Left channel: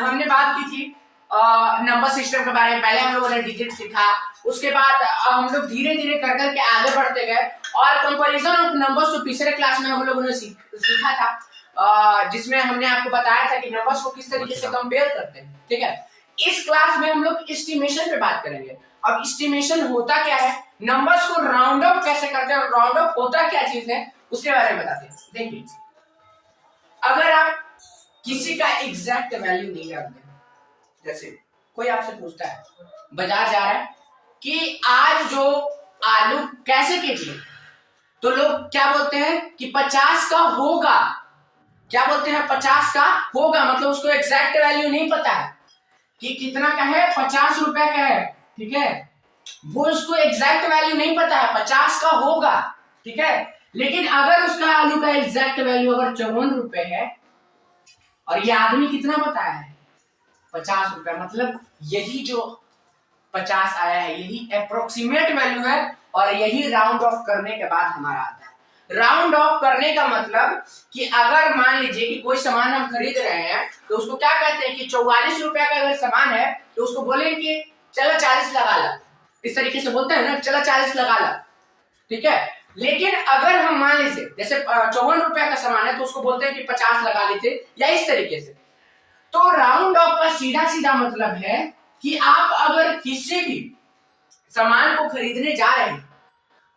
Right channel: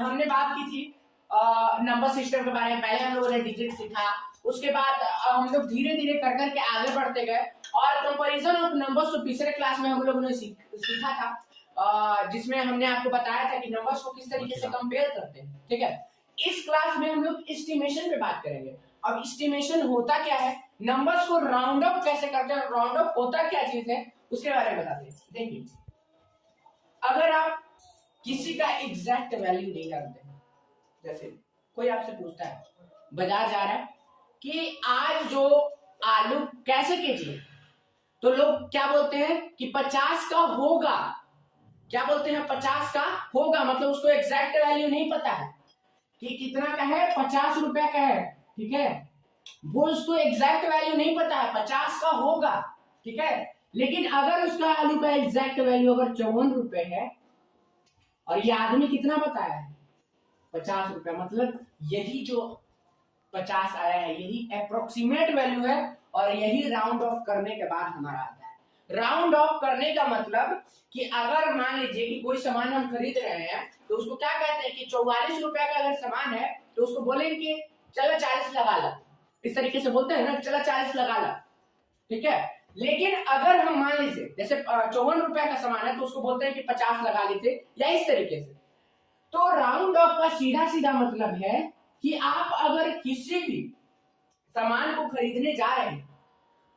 हमने बात की थी नंबर सिस्टम के बारे में। पहले हम लोगों ने डिजिट सीखा, उसके बाद हम लोग धीरे धीरे कर करके आगे बढ़ते गए और कंपैरिजन ऑफ नंबर्स को तीसरे क्लास में हम लोगों ने सीखा था, जिसमें हमने आपको बताया था कि नंबर्स को किस तरीके से कंपेयर करते हैं। ठीक है, इस क्लास में हम लोग एस्टिमेशन पे बात करेंगे। अब एस्टिमेशन होता क्या है, नंबर्स को राउंड अप कैसे करते हैं और राउंड अप होता क्या चीज है उसके बारे में बताते हैं। देखिए, अगर आप किसी का एग्जैक्ट वैल्यू नहीं जानते, जैसे कोई आपसे पूछता है, बाजार जा रहा है कि आज जो आलू कैसे केजी है, तो लोग क्या बोलते हैं कि 50 का होगा। क्या बोलते हैं, 50 का होगा, मतलब उसको एग्जैक्ट वैल्यू नहीं पता है कि कितना का है, 50 रुपए का है। ठीक है, वो उसको एग्जैक्ट वैल्यू नहीं पता है, 50 का होगा। ठीक है, लेकिन अगर उसका आलू का एग्जैक्ट वैल्यू अगर 54 रुपए है और ये आदमी कितना बताया है, 50 रुपए, मतलब यही जो 50 आया है यही अप्रोक्सीमेट वैल्यू है और यही राउंड ऑफ करने के बाद हमारा आता है। राउंड ऑफ करने का मतलब कि अगर मान लीजिए कि कोई सामान हम खरीद रहे हैं तो उसको क्या कहते हैं कि 44 रुपए का अगर सामान है तो उसको बोलेंगे कि चलो 40 लगा ला, इस तरीके से बोलते हैं ना, चलो 40 लगा ला। ठीक है, लेकिन अगर हम मान लीजिए जैसे 54 रुपए का सामान है तो उसको बोलते हैं कि 50 लगा लीजिए, या इस तरीके से। तो राउंड ऑफ का सीधा सीधा मतलब है कि आप अगर किसी भी सामान को खरीदने जा रहे हैं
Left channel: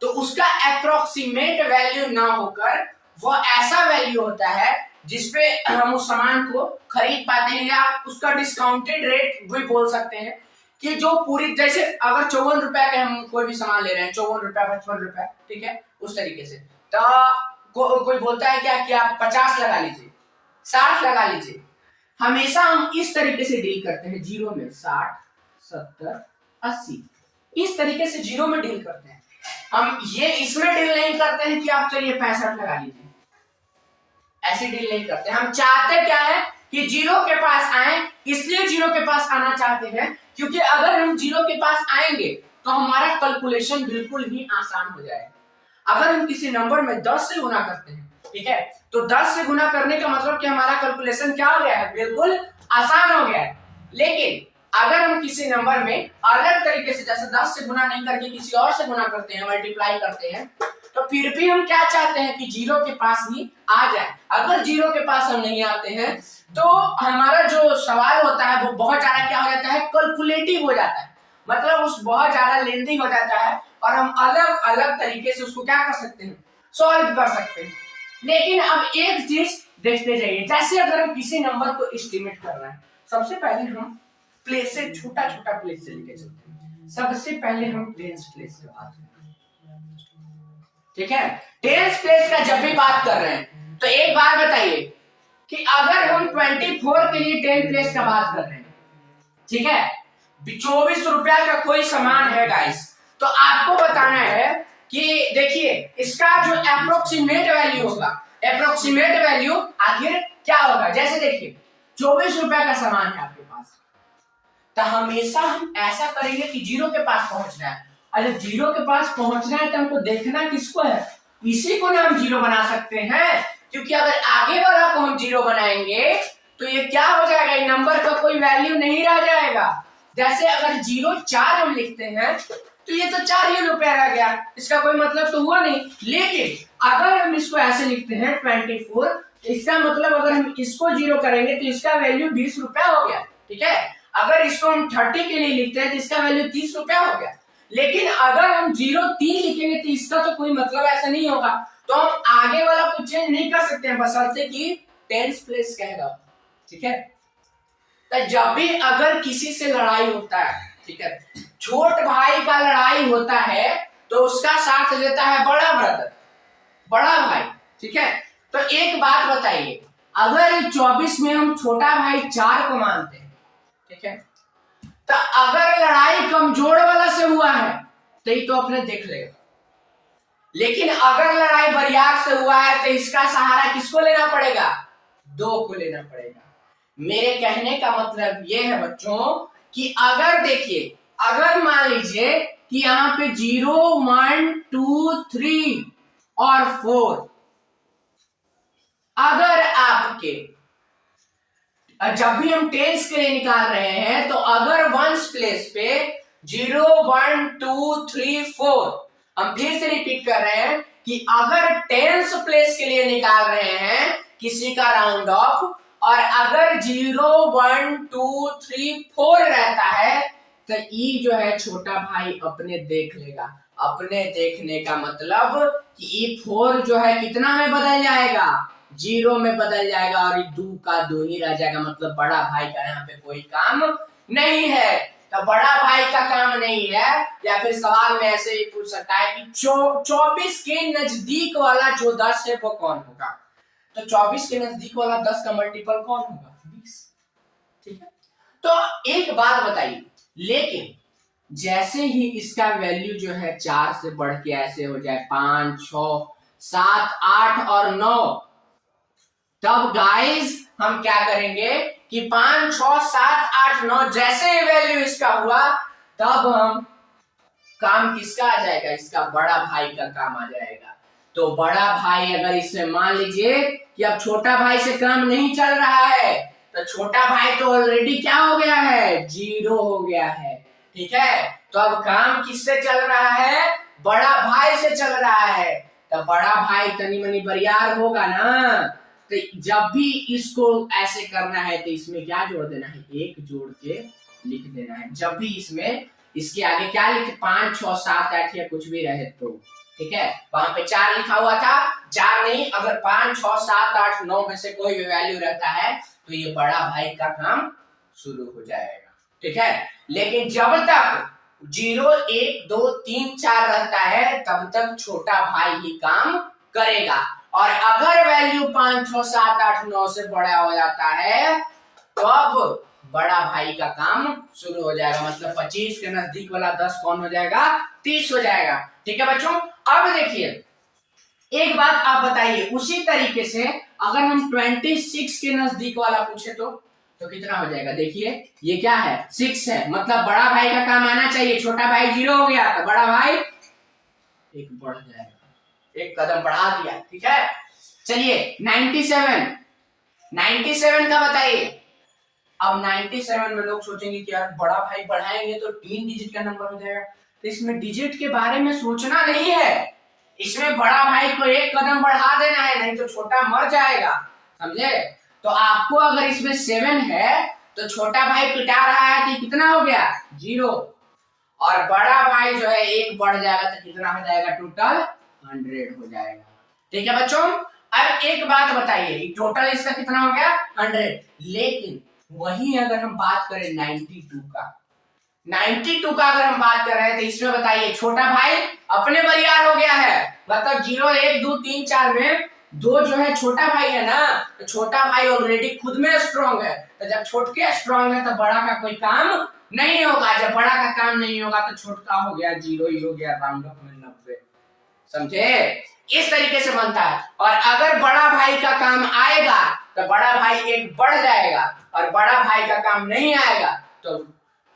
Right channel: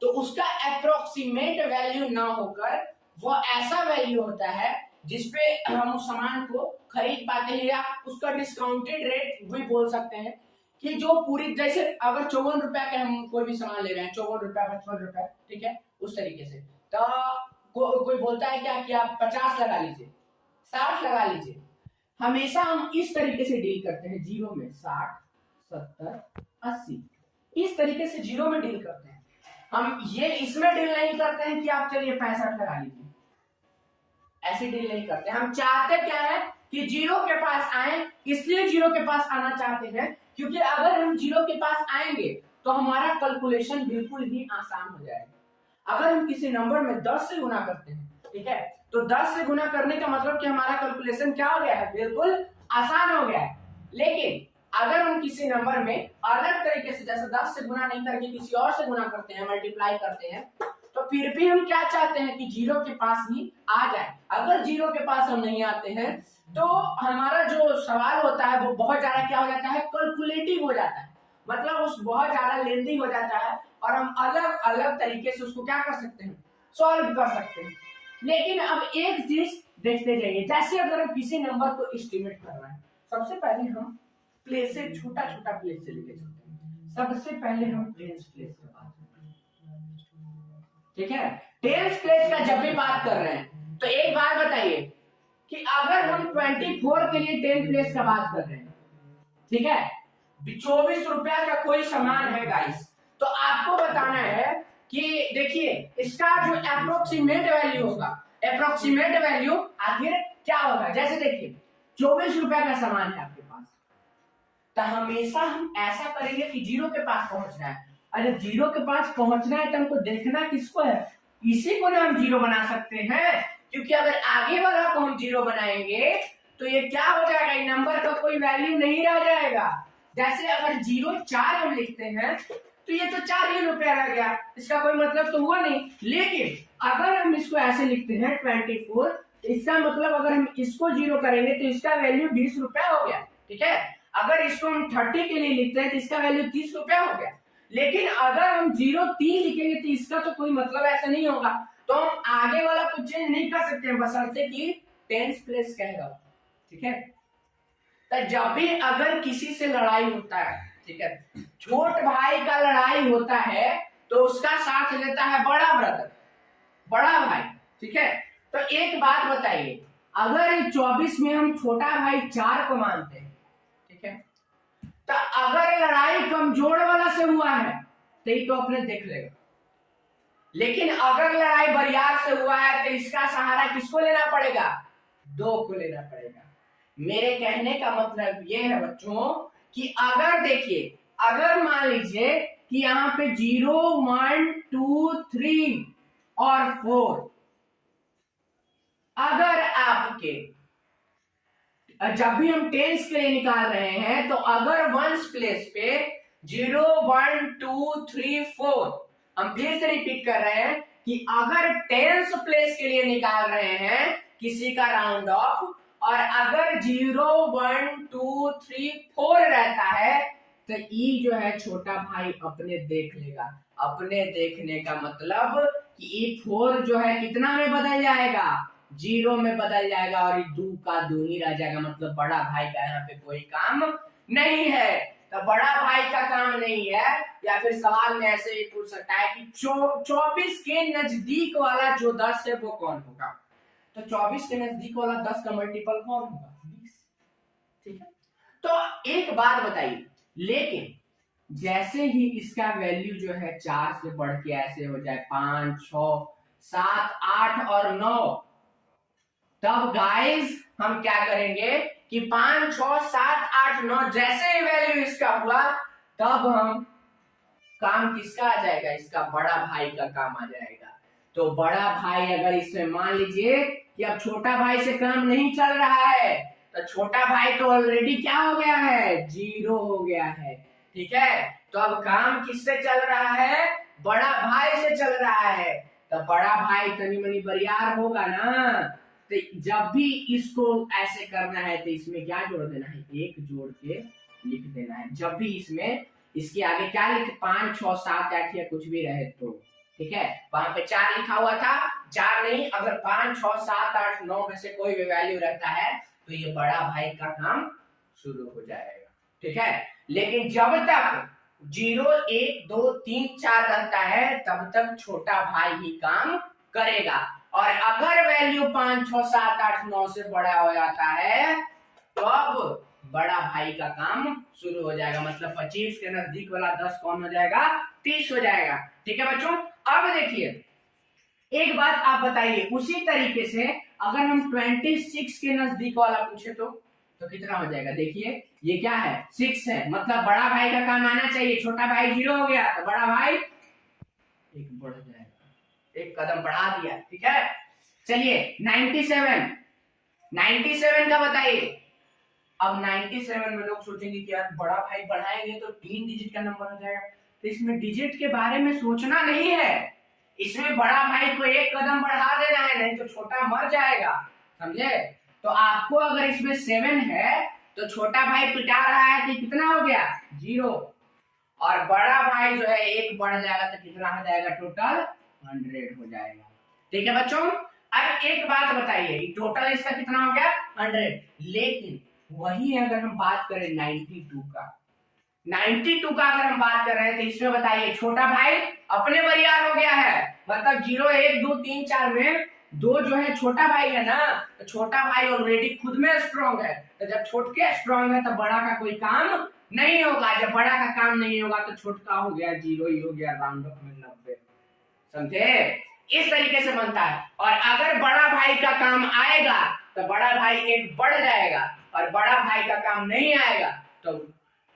तो उसका अप्रोक्सीमेट वैल्यू ना होकर वो ऐसा वैल्यू होता है जिसपे हम उस सामान को खरीद पाते हैं, या उसका डिस्काउंटेड रेट भी बोल सकते हैं कि जो पूरी, जैसे अगर 54 रुपए का हम कोई भी सामान ले रहे हैं, 54 रुपए 55 रुपए, ठीक है, उस तरीके से, तो कोई बोलता है क्या कि आप 50 लगा लीजिए, 60 लगा लीजिए। हमेशा हम इस तरीके से डील करते हैं, जीरो में 60 70 80, इस तरीके से जीरो में डील करते हैं हम। ये इसमें डील नहीं करते हैं कि आप चलिए 65 लगा लीजिए, ऐसी डील नहीं करते। हम चाहते क्या है कि जीरो के पास आए, इसलिए जीरो के पास आना चाहते हैं क्योंकि अगर हम जीरो के पास आएंगे तो हमारा कैलकुलेशन बिल्कुल ही आसान हो जाएगा। अगर हम किसी नंबर में 10 से गुना करते हैं, ठीक है, तो 10 से गुना करने का मतलब कि हमारा कैलकुलेशन क्या हो गया है, बिल्कुल आसान हो गया है। लेकिन अगर हम किसी नंबर में अलग तरीके से, जैसे 10 से गुना नहीं करके किसी और से गुना करते हैं, मल्टीप्लाई करते हैं, तो फिर भी हम क्या चाहते हैं कि जीरो के पास ही आ जाए। अगर जीरो के पास हम नहीं आते हैं तो हमारा जो सवाल होता है वो बहुत ज्यादा क्या हो जाता है, कैलकुलेटिव हो जाता है, मतलब उस बहुत ज्यादा लेंथी हो जाता है और हम अलग अलग तरीके से उसको क्या कर सकते हैं, सॉल्व कर सकते हैं। लेकिन अब एक चीज देखते जाइए, जैसे अगर हम किसी नंबर को एस्टिमेट कर रहे हैं, सबसे पहले हम प्लेस से, छोटा छोटा प्लेस से लेके चलते हैं। सबसे पहले हम टेंस प्लेस से बात करते हैं, ठीक है। टेंस प्लेस का जब भी बात कर रहे हैं तो एक बार बताइए कि अगर हम 24 के लिए टेंस प्लेस का बात कर रहे हैं, ठीक है, 24 रुपया का कोई सामान है गाइस, तो आपको बताना है कि देखिए इसका जो अप्रोक्सीमेट वैल्यू होगा, अप्रोक्सीमेट वैल्यू आखिर क्या होगा। जैसे देखिए 24 रुपया का सामान है आपके पास, तो हमेशा हम ऐसा करेंगे कि जीरो के पास पहुंचना है, और जब जीरो के पास पहुंचना है तो हमको देखना किसको है, इसी को ना हम जीरो बना सकते हैं, क्योंकि अगर आगे वाला को हम जीरो बनाएंगे तो ये क्या हो जाएगा, ये नंबर का कोई वैल्यू नहीं रह जाएगा। जैसे अगर 0.4 हम लिखते हैं तो ये तो 4 ही रुपया रह गया, इसका कोई मतलब तो हुआ नहीं। लेकिन अगर हम इसको ऐसे लिखते हैं 24, इसका मतलब अगर हम इसको जीरो करेंगे तो इसका वैल्यू 20 रुपया हो गया, ठीक है। अगर इसको हम 30 के लिए लिखते हैं तो इसका वैल्यू 30 रुपया हो गया। लेकिन अगर हम 0.3 लिखेंगे तो इसका तो कोई मतलब ऐसा नहीं होगा, तो हम आगे वाला को चेंज नहीं कर सकते हैं, बशर्ते कि टेंस प्लेस कहेगा, ठीक है। तो जब भी अगर किसी से लड़ाई होता है, ठीक है, छोट भाई का लड़ाई होता है तो उसका साथ लेता है बड़ा ब्रदर, बड़ा भाई, ठीक है। तो एक बात बताइए, अगर 24 में हम छोटा भाई 4 को मानते हैं, ठीक है, तो अगर लड़ाई कमजोर वाला से हुआ है तो ये तो अपने देख लेगा, लेकिन अगर लड़ाई बरियार से हुआ है तो इसका सहारा किसको लेना पड़ेगा, 2 को लेना पड़ेगा। मेरे कहने का मतलब ये है बच्चों कि अगर देखिए, अगर मान लीजिए कि यहाँ पे 0 1 2 3 और 4, अगर आपके जब भी हम टेंस के लिए निकाल रहे हैं तो अगर वंस प्लेस पे 0 1 2 3 4, हम फिर से रिपीट कर रहे हैं कि अगर टेंस प्लेस के लिए निकाल रहे हैं किसी का राउंड ऑफ, और अगर 0 1 2 3 4 रहता है तो ई जो है छोटा भाई अपने देख लेगा। अपने देखने का मतलब कि ई 4 जो है कितना में बदल जाएगा, 0 में बदल जाएगा, और ये 2 का 2 ही रह जाएगा। मतलब बड़ा भाई का यहाँ पे कोई काम नहीं है। तो बड़ा भाई का काम नहीं है, या फिर सवाल में ऐसे ही पूछ सकता है कि 24 के नजदीक वाला जो 10 है वो कौन होगा। तो 24 के नजदीक वाला 10 का मल्टीपल कौन होगा, 20। ठीक है, तो एक बात बताइए, लेकिन जैसे ही इसका वैल्यू जो है 4 से बढ़ के ऐसे हो जाए 5 6 7 8 और 9, तब गाइस हम क्या करेंगे कि 5 6 7 8 9 जैसे ही वैल्यू इसका हुआ तब हम काम किसका आ जाएगा, इसका बड़ा भाई का काम आ जाएगा। तो बड़ा भाई अगर इसमें मान लीजिए कि अब छोटा भाई से काम नहीं चल रहा है, तो छोटा भाई तो ऑलरेडी क्या हो गया है, 0 हो गया है। ठीक है, तो अब काम किससे चल रहा है, बड़ा भाई से चल रहा है। तो बड़ा भाई तनी मनी बरियार होगा ना, तो जब भी इसको ऐसे करना है तो इसमें क्या जोड़ देना है, 1 जोड़ के लिख देना है। जब भी इसमें इसके आगे क्या लिखे, 5 6 7 8 या कुछ भी रहे तो ठीक है, वहां पे 4 लिखा हुआ था, 4 नहीं, अगर 5 6 7 8 9 में से कोई भी वैल्यू रहता है तो ये बड़ा भाई का काम शुरू हो जाएगा। ठीक है, लेकिन जब तक 0 1 2 3 4 रहता है तब तक छोटा भाई ही काम करेगा, और अगर वैल्यू 5 6 7 8 9 से बड़ा हो जाता है तो अब बड़ा भाई का काम शुरू हो जाएगा। मतलब 25 के नजदीक वाला 10 कौन हो जाएगा, 30 हो जाएगा। ठीक है बच्चों, अब देखिए एक बात आप बताइए, उसी तरीके से अगर हम 26 के नजदीक वाला पूछे तो कितना हो जाएगा। देखिए ये क्या है, 6 है, मतलब बड़ा भाई का काम आना चाहिए। छोटा भाई 0 हो गया तो बड़ा भाई एक बढ़ जाएगा, एक कदम बढ़ा दिया। ठीक है, चलिए 97 का बताइए। अब 97 में लोग सोचेंगे कि यार बड़ा भाई बढ़ाएंगे तो 3 डिजिट का नंबर हो जाएगा, तो इसमें डिजिट के बारे में सोचना नहीं है, इसमें बड़ा भाई को एक कदम बढ़ा देना है, नहीं तो छोटा मर जाएगा। समझे, तो आपको अगर इसमें 7 है तो छोटा भाई पिटा रहा है तो कितना हो गया, 0, और बड़ा भाई जो है 1 बढ़ जाएगा तो कितना हो जाएगा, टोटल 100 हो जाएगा। ठीक है बच्चों, अब एक बात बताइए, टोटल इसका कितना हो गया, 100। लेकिन वही अगर हम बात करें 92 का अगर हम बात कर रहे हैं तो इसमें बताइए छोटा भाई अपने बरियार हो गया है, मतलब 0 1 2 3 4 में 2 जो है छोटा भाई है ना, तो छोटा भाई ऑलरेडी खुद में स्ट्रांग है, तो जब छोटके स्ट्रांग है तो बड़ा का कोई काम नहीं होगा। जब बड़ा का काम नहीं होगा तो छोटका हो गया 0 ही हो गया, राउंड ऑफ में 90। समझे, इस तरीके से बनता है। और अगर बड़ा भाई का काम आएगा तो बड़ा भाई 1 बढ़ जाएगा, और बड़ा भाई का काम नहीं आएगा तो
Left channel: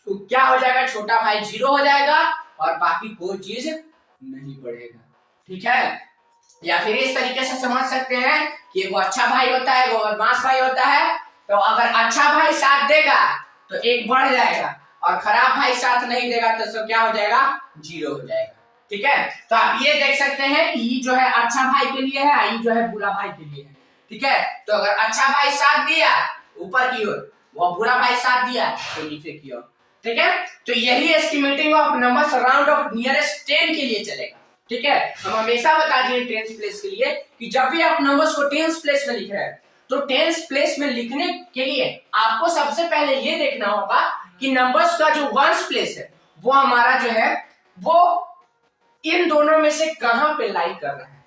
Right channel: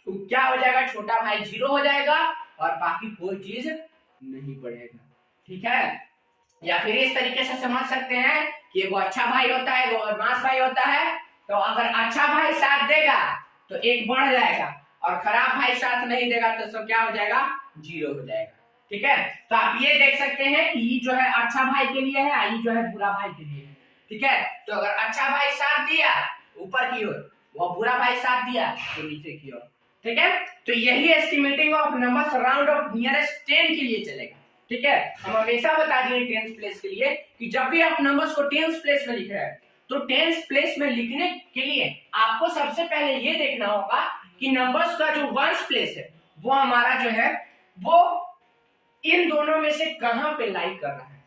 क्या हो जाएगा, छोटा भाई 0 हो जाएगा और बाकी कोई चीज नहीं बढ़ेगा। ठीक है, या फिर इस तरीके से समझ सकते हैं कि एगो अच्छा भाई होता है, एगो बदमाश भाई होता है। तो अगर अच्छा भाई साथ देगा तो 1 बढ़ जाएगा, और खराब भाई साथ नहीं देगा तो सब क्या हो जाएगा, 0 हो जाएगा। ठीक है, तो आप ये देख सकते हैं कि ये जो है अच्छा भाई के लिए है, ये जो है बुरा भाई के लिए है। ठीक है, तो अगर अच्छा भाई साथ दिया ऊपर की ओर, वो बुरा भाई साथ दिया तो नीचे की ओर। ठीक है, तो यही estimating of numbers round of nearest 10 के लिए चलेगा। ठीक है, हम हमेशा बता दिए टेंस प्लेस के लिए कि जब भी आप नंबर्स को टेंस प्लेस में लिख रहे हैं तो टेंस प्लेस में लिखने के लिए आपको सबसे पहले ये देखना होगा कि नंबर्स का जो वंस प्लेस है वो हमारा जो है वो इन दोनों में से कहां पे लाई कर रहा है,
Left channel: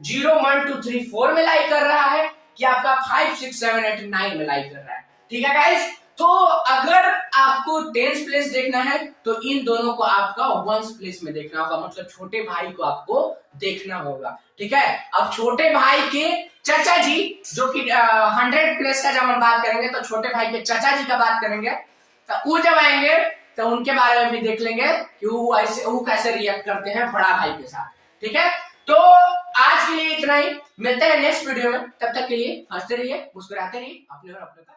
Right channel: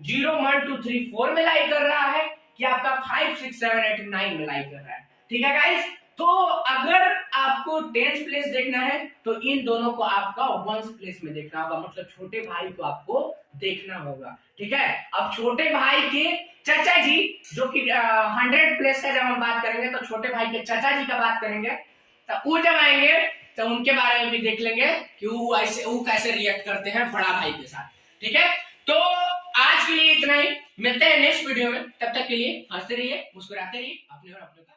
0 1 2 3 4 में लाई कर रहा है कि आपका 5 6 7 8 9 में लाई कर रहा है। ठीक है गाइस, तो अगर आपको टेंस प्लेस देखना है तो इन दोनों को आपका वंस प्लेस में देखना होगा, मतलब छोटे भाई को आपको देखना होगा। ठीक है, अब छोटे भाई के चाचा जी जो कि 100 प्लेस का जब हम बात करेंगे तो छोटे भाई के चाचा जी का बात करेंगे, तो वो जब आएंगे तो उनके बारे में भी देख लेंगे कि वो कैसे रिएक्ट करते हैं बड़ा भाई के साथ। ठीक है, तो आज के लिए इतना ही, मिलते हैं नेक्स्ट वीडियो में, तब तक के लिए हंसते रहिए, मुस्कुराते रहिए, अपने और अपने का